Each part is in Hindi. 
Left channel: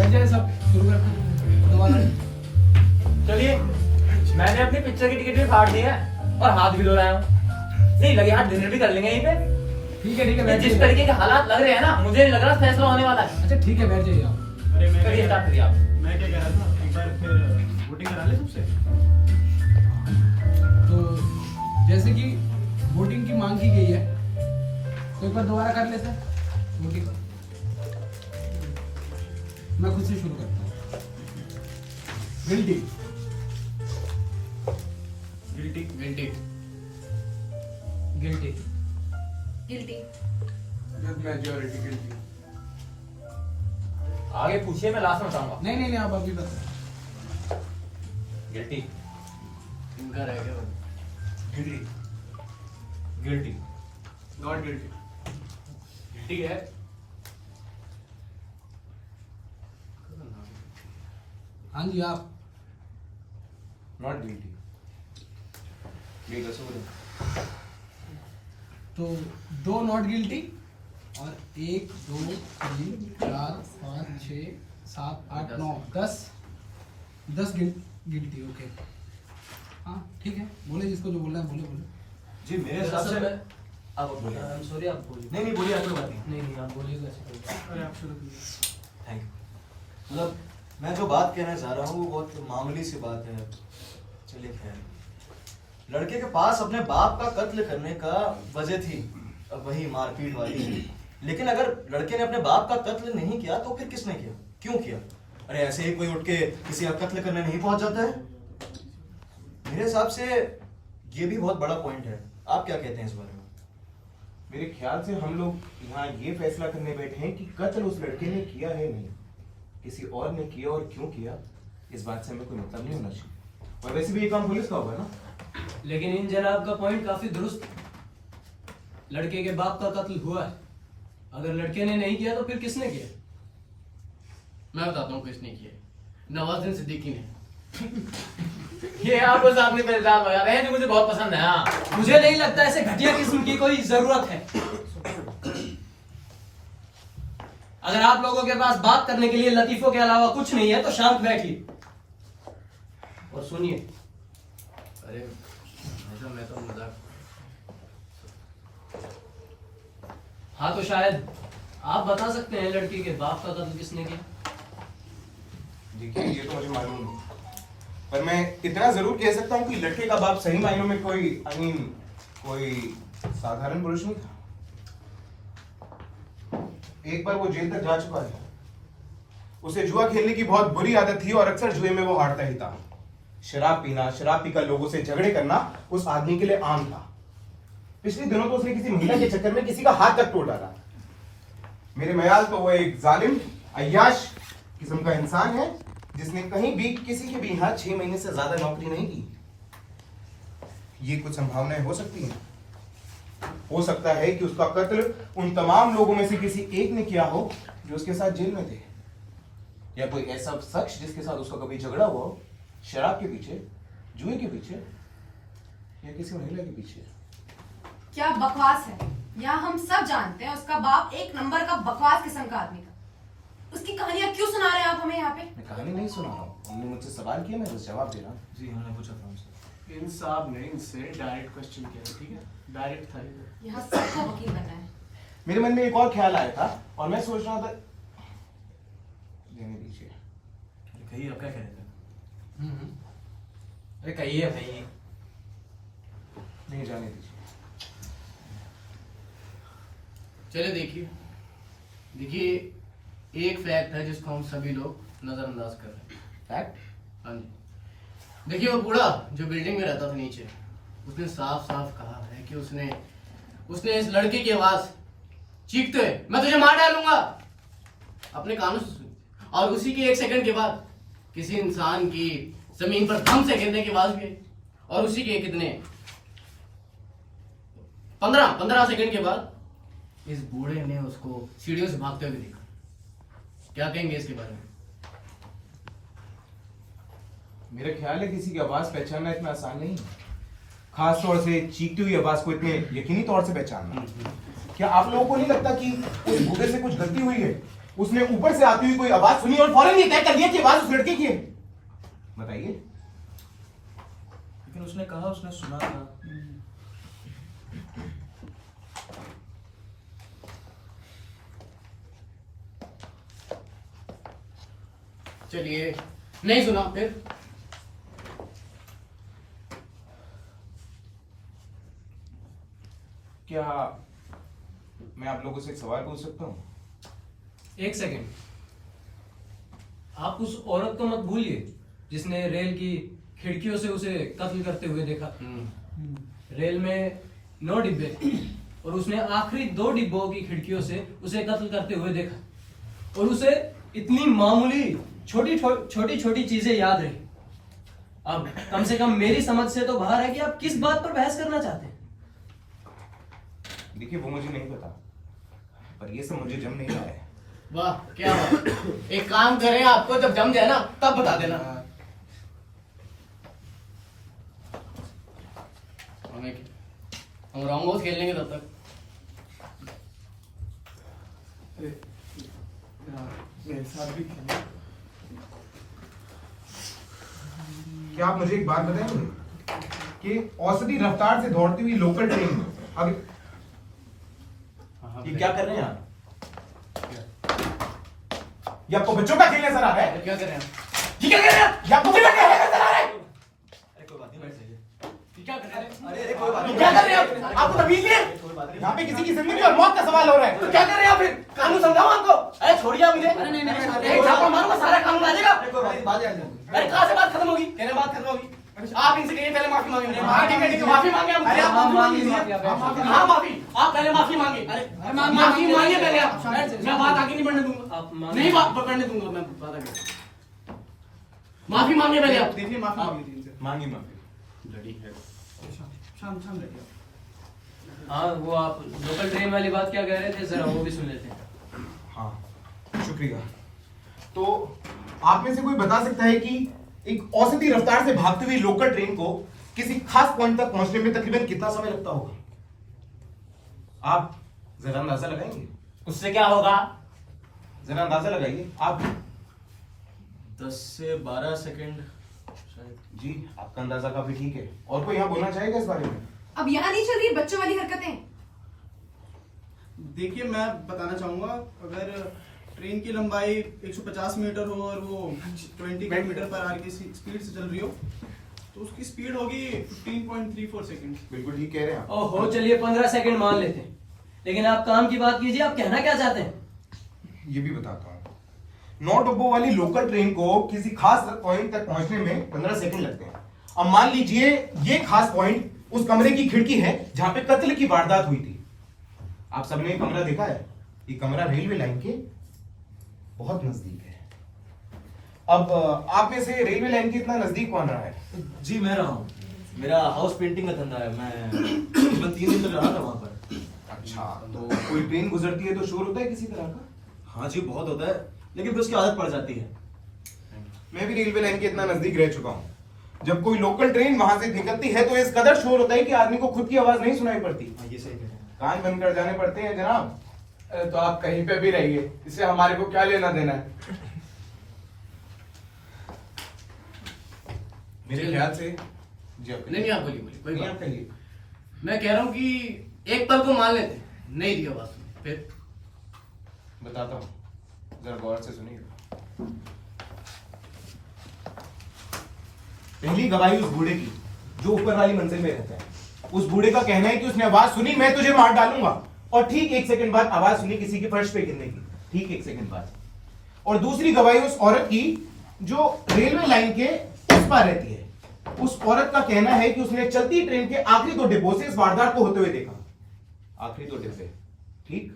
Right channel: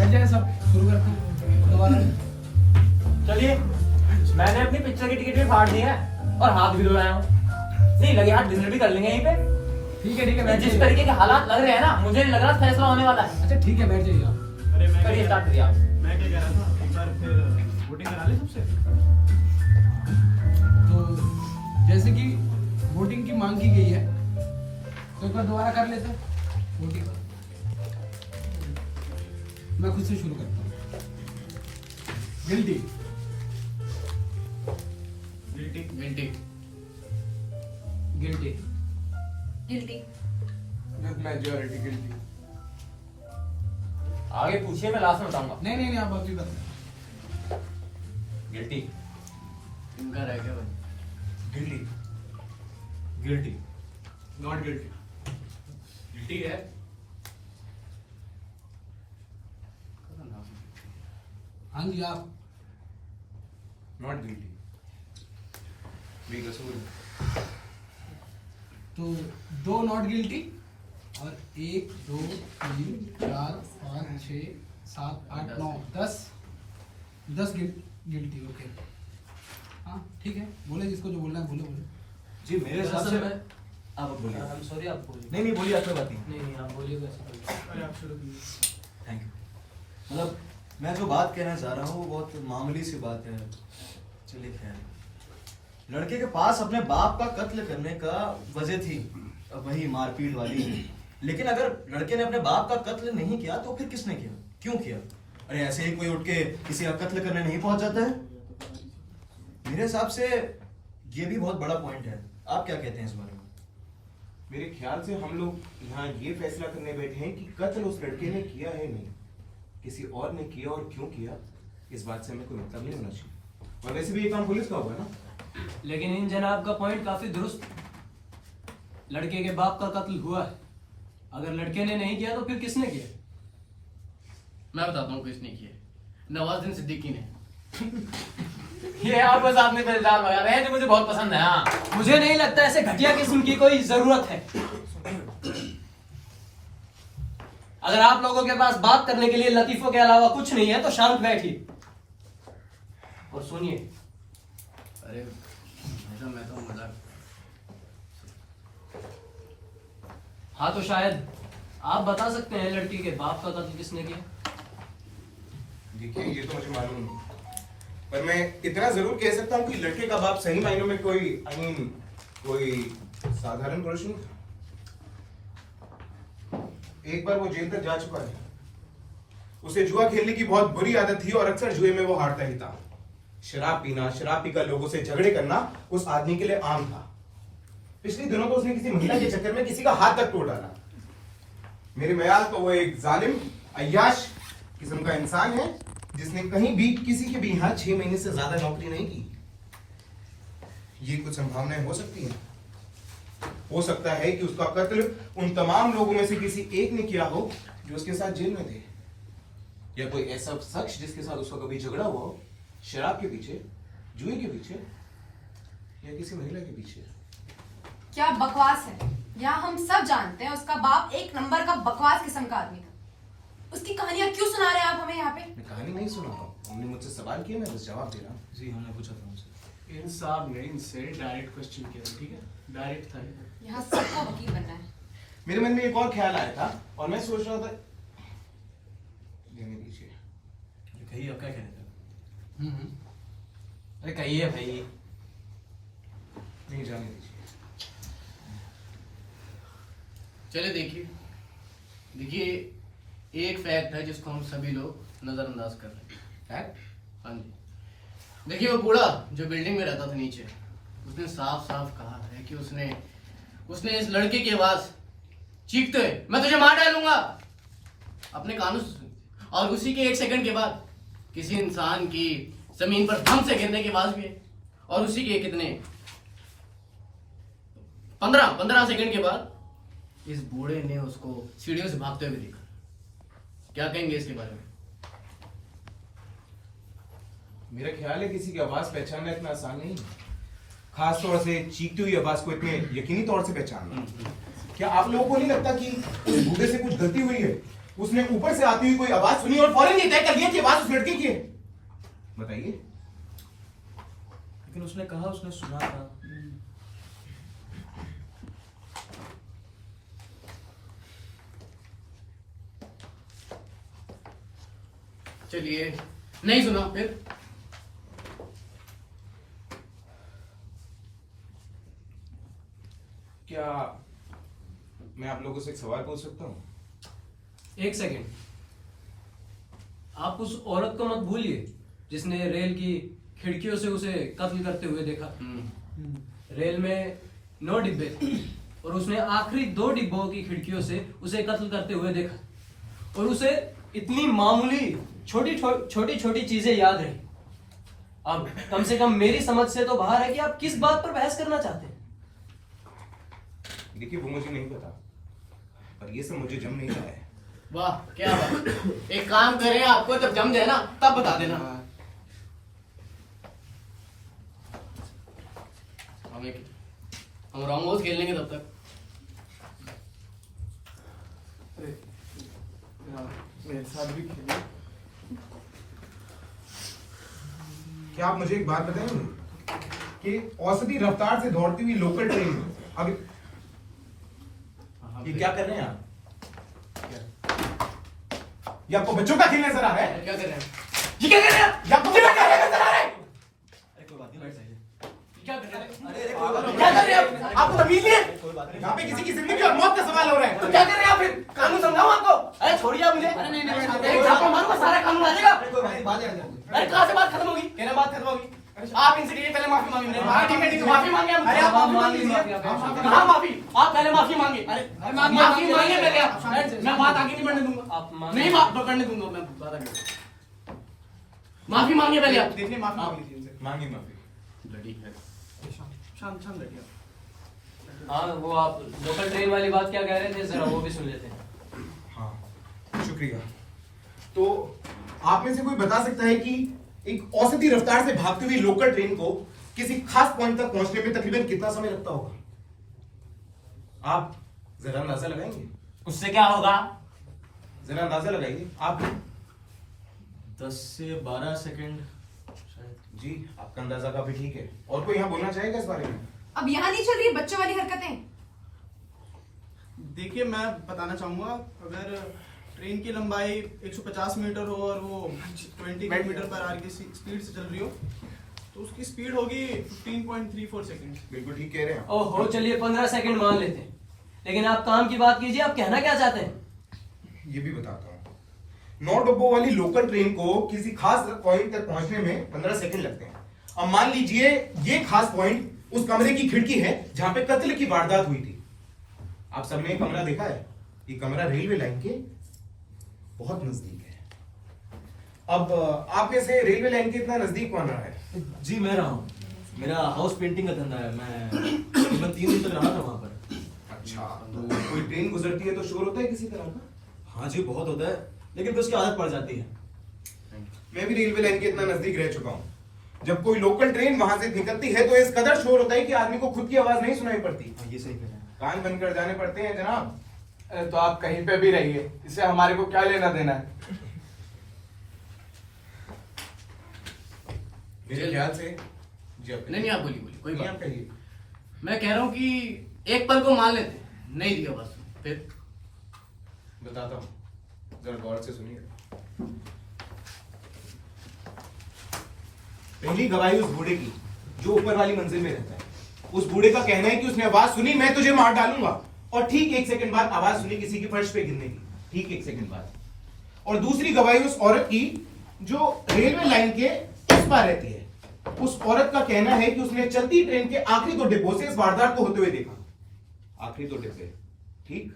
बैठ जाए सब, शुरू करते हैं दोबारा। चलिए, मैंने अपनी पिक्चर की टिकट भी फाड़ दी है और हाथ भी धुलाया हूँ। नहीं लगे हाथ डिनर भी कर लेंगे यहीं पे। ठीक है बैठ जिस जाइए। तरीके के हालात लग रहे हैं ना, मुझे नहीं लग रहा फैसला होने वाला है। अच्छा ठीक है, बैठ जाइए आप। अरे मैं करिए, स्टार्ट करिए आप। मैं क्या कह रहा था, एक बार फिर वोटिंग करा ले सबसे। तो जैसे कि वोटिंग की मांग की गई है, तो एक बार दोबारा कर लेते हैं वोटिंग। मैं खुद से शुरू करता हूँ। Guilty. Guilty. Guilty. Guilty. Guilty. Majority guilty. आगे पूछिए, मैं लास्ट में बताऊंगा। नहीं आप अभी बताएं। गिल्टी। इनका रह गया। Guilty. Guilty. Not guilty. Guilty है। हाँ जी आप। नॉट गिल्टी, बेकसूर है। तो 2 नॉट गिल्टी और 1 2 3 4 5 6 7 8 9 10 गिल्टी। ओके हाँ ठीक है, बोले जिसको जो बोलना है बोले। जी मेरे हिसाब से आप बोलिए। I'm sorry, आप बोलिए। नहीं बोलिए, आप कोई बात नहीं। नहीं आप बोलिए तो ऐसे बोलिए। अरे आप शुरू कीजिए। Thank you. मतलब मैं जो बात कहना चाह रहा हूँ वो बहुत मामूली सी बात है। चलिए खैर, लड़के के पास अपने बाप का कत्ल करने का वजह थी, अब वही मारपीट वाली। लेकिन अगर लड़के ने अपने बाप का कत्ल नहीं किया तो फिर किसने किया, क्यों किया? अरे ऐसे ही कोई उठ के किसी का कत्ल करने नहीं पहुंच जाता है। मेरे हिसाब से ये भी बहुत बड़ा पॉइंट है। आप क्या कहते हैं इस बारे में? मेरे ख्याल से हम लोग यहाँ ये फैसला करने बैठे हैं कि कत्ल उस लड़के ने किया है नहीं, किसी और ने किया, और क्यों किया इस बात से हमें कोई मतलब नहीं होना चाहिए। और वैसे भी ये काम पुलिस का होगा ना। लेकिन इन जनाब का पॉइंट काफी दुरुस्त है। लड़के के बाप का कत्ल हुआ है, अगर लड़के ने नहीं किया तो फिर किसने किया? मैं बताता हूँ किसने किया। नवाजुद्दीन सिद्दीकी ने। ये आपको सामने पे इल्जाम लगा रहे हैं जो मुझे बहुत पसंद है। हाँ, मुझे नहीं लगता ऐसे घटिया किस्म की कोई जरूरत है। अगर आप लोगों के पास बात करने के लिए लतीफों के अलावा कुछ नहीं है तो शांत बैठिए और सुनिए। अरे ऐसा मैं तो मजाक। हाँ तो शायद आप बता सकते हैं लड़की के बाप का कत्ल किसने किया? देखिए ये तो मुझे मालूम नहीं, पर मैं इतना जरूर कह सकता हूँ कि लड़के का बाप सही मायनों में कोई साधारण पुरुष नहीं था। एक बार वो जेल तक जा चुका है। उसे जुआ खेलने की बहुत बुरी आदत थी और अक्सर जुए में वो हारता ही था। शराब पीना, शराब पीकर लोगों से झगड़े करना उस आदमी के लिए आम था। पिछले दिनों तो उसने किसी महिला के चक्कर में किसी का हाथ तक तोड़ डाला। मेरे ख्याल तो वो एक जालिम, अय्याश किस्म का इंसान है जिसने कहीं भी किसी के भी यहाँ 6 महीने से ज्यादा नौकरी नहीं की। ये कुछ संभावनाएं हो सकती हैं। हो सकता है कि उसका कत्ल उन तमाम लोगों में से किसी एक ने किया हो जो उसके साथ जेल में थे, या कोई ऐसा शख्स जिसके साथ उसका कभी झगड़ा हुआ हो, शराब के पीछे, जुए के पीछे, या किसी महिला के पीछे। क्या बकवास है। यहाँ हम सब जानते हैं उसका बाप एक नंबर का बकवास किस्म का आदमी था। उसकी कहानियां क्यों सुना रहे हैं आप हमें यहाँ पे? मैं कहानी नहीं सुना रहा हूँ, हमने मुझसे सवाल किया, मैं बस जवाब दे रहा हूँ। जी हमने पूछा था उनसे। इन साहब ने इनसे डायरेक्ट क्वेश्चन किया था, ठीक है? डायरेक्ट था ये। यहाँ सबको वकील बनाए। मेरे मन में एक और ख्याल आया था और मैं सोच रहा था, देने दीजिए। कहिए आप क्या कह रहे थे? अरे कहिए भाई। नहीं, जाने दीजिए। चले देखिए एक फैक्ट है जिसको हम सभी लोग नजरअंदाज कर रहे हैं। फैक्ट? हाँ जी। देखिए वो बूढ़ा जो बिल्डिंग में रहता था नीचे, उसने साफ साफ कहा है कि उसने इस लड़के की आवाज चीखते हुए मैं तुझे मार डालूंगा अपने कानों से सुनी, और उसी के 1 सेकंड के बाद किसी इंसान की जमीन पर धम से गिरने की आवाज भी आई, और उसी के कितने 15 सेकंड के बाद इस बूढ़े ने उसको सीढ़ियों से भागते हुए देखा। क्या कहेंगे इसके बारे में? मेरा ख्याल है किसी की आवाज पहचानना इतना आसान नहीं है, खास तौर से चीखती हुई आवाज को इतने यकीनी तौर से पहचानना। क्या आप लोगों को नहीं लगता कि उस बूढ़े से कुछ गलती हुई है उसने ऊपर से आती हुई कोई आवाज सुनी और फौरन ये तय कर दिया कि आवाज उस लड़के की है। बताइए। लेकिन उसने कहा उसने सुना था। चलिए, नहीं सुना फिर? क्या मैं आप लोगों से एक सवाल पूछ सकता हूँ? एक सेकंड, आप उस औरत को मत भूलिए जिसने रेल की खिड़कियों से उसे कत्ल करते हुए देखा। रेल में 9 डिब्बे और उसने आखिरी 2 डिब्बों की खिड़कियों से उसे कत्ल करते हुए देखा और उसे इतनी मामूली छोटी छोटी चीजें याद रही। अब कम से कम मेरी समझ से तो बाहर है कि आप किस बात पर बहस करना चाहते हैं। देखिए, वो मुझे नहीं पता, पर ये सब मुझे जम नहीं रहा है। वाह, क्या बात। एक काम करें, आपको जब जम जाए ना तब बता देना। हम रॉन्ग हाउस खेल लेंगे तब तक। मेरे साथ भी क्या आप मुझे एक बात बताएंगे कि औसती रफ्तार से दौड़ती हुई लोकल ट्रेन अगर ये क्या कर रहे हैं आप? ये आपको बच्चों का खेलने नजर आ रहा है? क्या कर रहे हैं? ये क्या कर रहे हैं? ये आपको बच्चों का खेलने नजर आ रहा है? क्या कर रहे हैं? अरे कोई बात ये नहीं, क्या कर रहे हैं आप? आपको तमीज नहीं है? कोई बात नहीं। यहाँ पे किसी की जिंदगी और मौत का सवाल हो रहा है। तो क्या कर रहे हैं आप फिर? कानून समझाऊं आपको? अरे छोड़िए आप मुझे। अरे नहीं, एक छापा मारूंगा, सारा कानून आ जाएगा। कोई बात नहीं, बात आ जाएगी। अरे कहाँ से बात खत्म होगी? कहने बात खत्म होगी। आप इनसे कहिए पहले माफी मांगे। हाँ ठीक है, माफी मांगे हम। अरे आप माफी मांग लीजिए। कहाँ माफी? आप पहले माफी मांगे। अरे माफी मांगे पहले आप। मैं बात आगे नहीं बढ़ने दूंगा। आप मांगे। नहीं बात बढ़ने दूंगा मैं बात आगे। माफी मांगे पहले आप। देखिए, माफी मांग लीजिए इनसे। मांगी माफी। शाम शाम लड़िए। हाँ, वो आप लोकल ट्रेन वाली बात क्या कह रहे थे, जरा वो भी सुन लेते हैं। हाँ, शुक्रिया। तो आप में से कोई बता सकता है कि एक औसती रफ्तार से भागती हुई लोकल ट्रेन को किसी खास पॉइंट तक पहुंचने में तकरीबन कितना समय लगता होगा? आप जरा अंदाजा लगाएंगे? उससे क्या होगा? जरा अंदाजा लगाइए आप। 10 से 12 सेकंड शायद। जी, आपका अंदाजा काफी ठीक है। और कोई यहाँ बोलना चाहेगा इस बारे में? अब यहाँ नहीं चल रही बच्चों वाली हरकतें। देखिए, मैं बताना चाहूंगा, अगर ट्रेन की लंबाई 150 मीटर हो और वो 20 किलोमीटर पर आवर की स्पीड से चल रही हो, तो उसकी स्पीड होगी 15.34 सेकंड। बिल्कुल ठीक कह रहे हैं आप। ओहो, चलिए 15 सेकंड मान लेते हैं, लेकिन आप काम की बात कीजिए, आप कहना क्या चाहते हैं? ये भी बताता हूँ। 9 डब्बों वाली लोकल ट्रेन को किसी खास पॉइंट तक पहुंचने में 15 सेकंड लगते हैं। अब मान लीजिए ये खास पॉइंट उस कमरे की खिड़की है जहां पे कत्ल की वारदात हुई थी। आप सबने कमरा देखा है? ये कमरा रेलवे लाइन के बहुत नजदीक है। अब आप में से रेलवे लाइन के इतना नजदीक कौन रहा है? जी मैं रहा हूँ, मेरा हाउस पेंटिंग का धंधा है। मैं तकरीबन 3 दिन तक रहा था वहां पर। अच्छा, तो कोई ट्रेन गुजरती है तो शोर होता है किसी तरह का? हाँ जी, बहुत होता है, लेकिन फिर उसकी आदत पड़ जाती है। मैं भी रेलवे लाइन के इतना नजदीक रह चुका हूँ। जब कोई लोकल ट्रेन वहां से निकलती है तो इस कदर शोर होता है कि आदमी को खुद की आवाज नहीं सुनाई पड़ती। हाँ, ये सही कह रहे हैं। कान बंद कर जाने पड़ते हैं जनाब। तो आप कहीं पे भी रहिए, इससे हमारे को क्या लेना देना है? मेरे ख्याल से जी आप नहीं आप बोलिए कोई नहीं, बात आप कहिए। मैं कह रहा हूँ कि एक पल को मान लेते हैं, नहीं दिया बस फिर। बताता हूँ, जरा गौर से सुनिए। पहली गवाही उस बूढ़े की जो ऊपर वाली मंजिल में रहता है। उस बूढ़े का कहना है कि उसने आवाज सुनी, मैं तुझे मार डालूंगा, और ठीक 1 सेकंड बाद आवाज सुनी किसी की फर्श पे गिरने की, ठीक 1 सेकंड बाद। और दूसरी गवाही उस औरत की जो रेलवे लाइन के उस पार रहती है। उस औरत का कहना है कि उसने चलती ट्रेन के आखिरी 2 डिब्बों से इस वारदात को होते हुए देखा। आखिरी 2 डिब्बे, ठीक।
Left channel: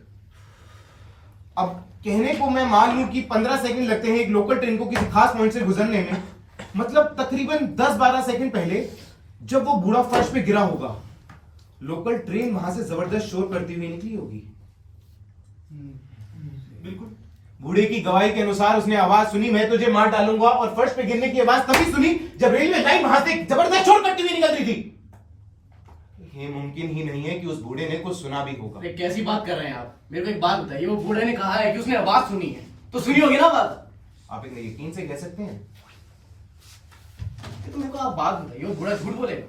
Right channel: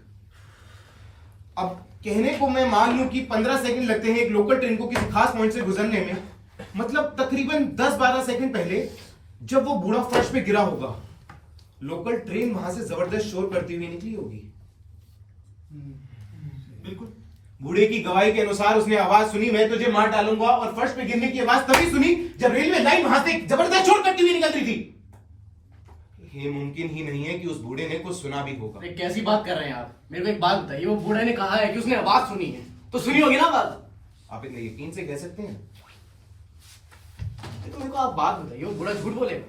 अब कहने को मैं मान लूं कि 15 सेकंड लगते हैं एक लोकल ट्रेन को किसी खास पॉइंट से गुजरने में, मतलब तकरीबन 10-12 सेकंड पहले जब वो बूढ़ा फर्श पे गिरा होगा, लोकल ट्रेन वहां से जबरदस्त शोर करती हुई निकली होगी। बिल्कुल। बूढ़े की गवाही के अनुसार उसने आवाज सुनी, मैं तुझे मार डालूंगा, और फर्श पे गिरने की आवाज तभी सुनी जब रेलवे लाइन वहां से जबरदस्त शोर करती हुई निकल रही थी। हे मुमकिन मुमकिन ही नहीं है कि उस बूढ़े ने कुछ सुना भी होगा। अरे कैसी बात कर रहे हैं आप? मेरे को एक बात बताइए, वो बूढ़े ने कहा है कि उसने आवाज सुनी है, तो सुनी होगी ना बात? आप इतने यकीन से कह सकते हैं? तो मेरे को आप बात बताइए, वो बूढ़ा झूठ बोलेगा?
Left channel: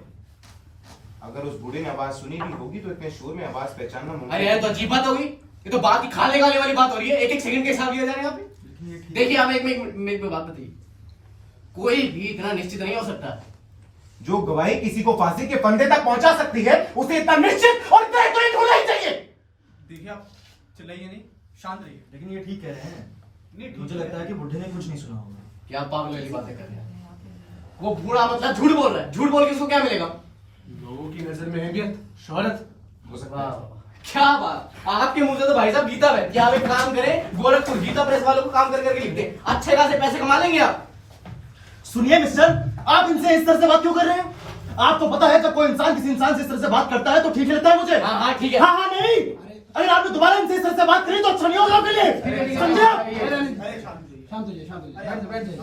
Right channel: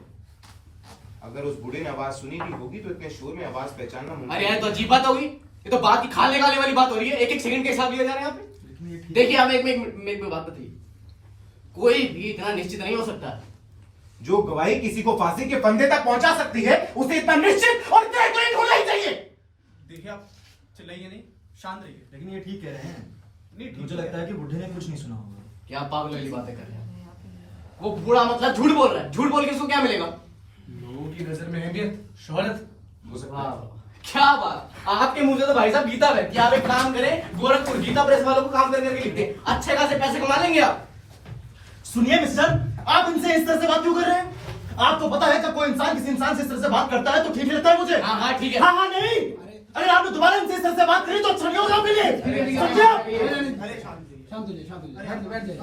अगर उस बूढ़े ने आवाज सुनी भी होगी तो इतने शोर में आवाज पहचानना मुमकिन अरे यार, तो अजीब बात होगी। ये तो बात की खाल निकालने वाली बात हो रही है। एक एक सेकंड के हिसाब लिया जा रहे हैं यहाँ पे। देखिए, आप एक बात बताइए, कोई भी इतना निश्चित नहीं हो सकता। जो गवाही किसी को फांसी के फंदे तक पहुंचा सकती है, उसे इतना निश्चित और तय तो होना ही चाहिए। देखिए आप चिल्लाइए नहीं, शांत रहिए। लेकिन ये ठीक कह रहे हैं। नहीं ठीक मुझे लगता है कि बुढ़े ने कुछ नहीं सुना होगा। क्या पागल वाली बातें कर रहे हैं? वो बूढ़ा मतलब झूठ बोल रहा है। झूठ बोल के इसको क्या मिलेगा? लोगों की नजर में अहमियत, शोहरत। हाँ, क्या बात! आपके मुंह से तो भाई साहब गीता है कि आप एक काम करें, गोरखपुर गीता प्रेस वालों को काम कर करके लिख दें, अच्छे खासे पैसे कमा लेंगे आप। सुनिए मिस्टर, आप इनसे इस तरह से बात क्यों कर रहे हैं? आपको पता है कि कोई इंसान किसी इंसान से इस तरह से बात करता है तो ठीक लगता है मुझे। हाँ हाँ ठीक है। हाँ हाँ नहीं, अगर आपने दोबारा इनसे इस तरह से बात करी तो अच्छा नहीं होगा आपके लिए, समझे आप? अरे शांत रहिए। शांत हो जाइए, शांत हो जाइए, बैठ जाइए।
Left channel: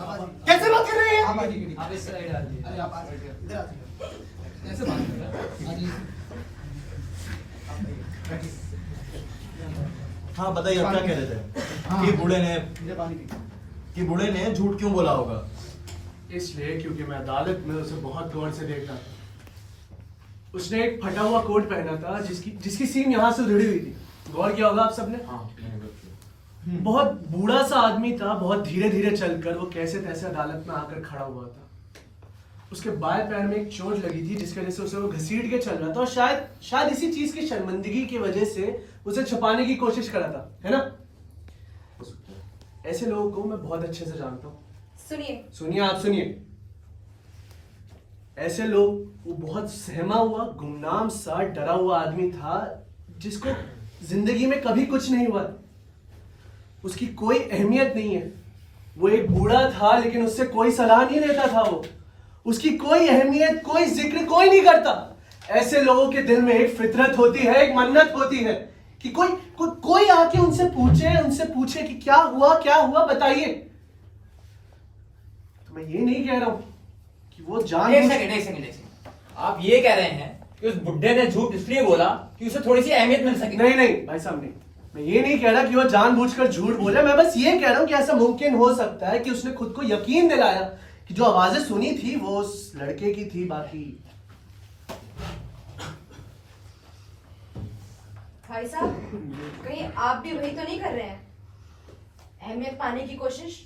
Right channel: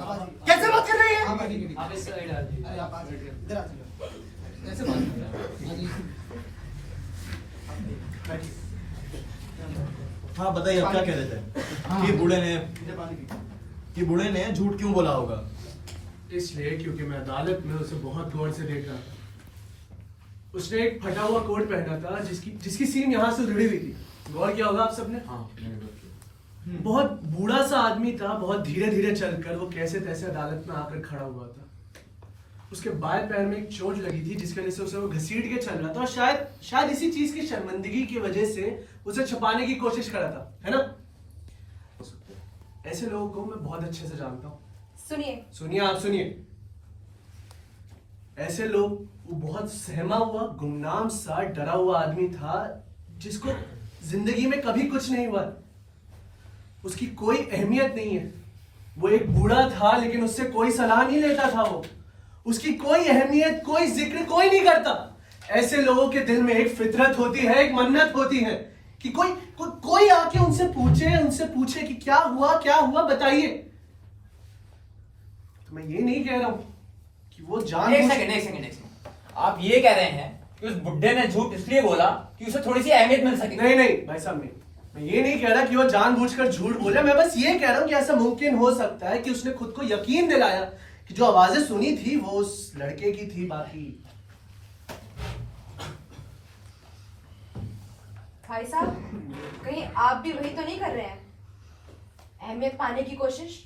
कैसे बात कर रही है? आप आगे के आप इस साइड आ जाइए। अरे आप आ जाइए, इधर आ जाइए। कैसे बात कर रहे हैं? आ जाइए। हाँ बताइए, आप क्या कह रहे थे? कि बूढ़े ने झूठ क्यों बोला होगा? इसलिए क्योंकि मैं अदालत में उसे बहुत गौर से देख रहा था। उसने एक फटा हुआ कोट पहना था जिसकी सीम यहाँ से उधड़ी हुई थी। गौर किया होगा आप सबने? बहुत बूढ़ा सा आदमी था, बहुत धीरे धीरे चलकर वो कैसे तैसे अदालत में आकर खड़ा हुआ था। उसके बाएं पैर में एक चोट लगी थी जिसकी वजह से उसे वो घसीट के चल रहा था, और शायद इसी चीज की शर्मिंदगी की वजह से उसे छुपाने की कोशिश कर रहा था, है ना? ऐसे लोगों को मैं बहुत अच्छे से जानता हूँ। सुनिए, आप सुनिए। ऐसे लोग, वो बहुत सहमा हुआ, गुमनाम सा, डरा हुआ आदमी था जिसको जिंदगी में कभी कुछ नहीं हुआ। उसकी कोई अहमियत नहीं है। वो एक बूढ़ा था लेकिन उससे कोई सलाह नहीं लेता था। वो उसकी कोई अहमियत, कोई जिक्र कोई नहीं करता। ऐसे लोगों के दिल में एक फितरत होती है, एक मन्नत होती है कि कोई आके उनसे पूछे कि क्या हुआ बताइए। तो मैं ये नहीं कह रहा हूं कि वो जान। एक सेकंड। आप ये कह रहे हैं कि उस बुड्ढे ने झूठ इसलिए बोला कि उसे थोड़ी सी अहमियत मिल सके? नहीं भाई साहब, नहीं। मैं ये नहीं कह रहा कि वो जानबूझकर झूठ बोला। मैं बस ये कह रहा हूं कि ऐसा मुमकिन हो सकता है कि उसने खुद को यकीन दिलाया कि जो आवाजें सुनी थी वो उस लड़के की थी। बाकी भाई साहब, कहीं आप भी वही तो नहीं कर रहे हैं? अहमियत पाने की कोशिश।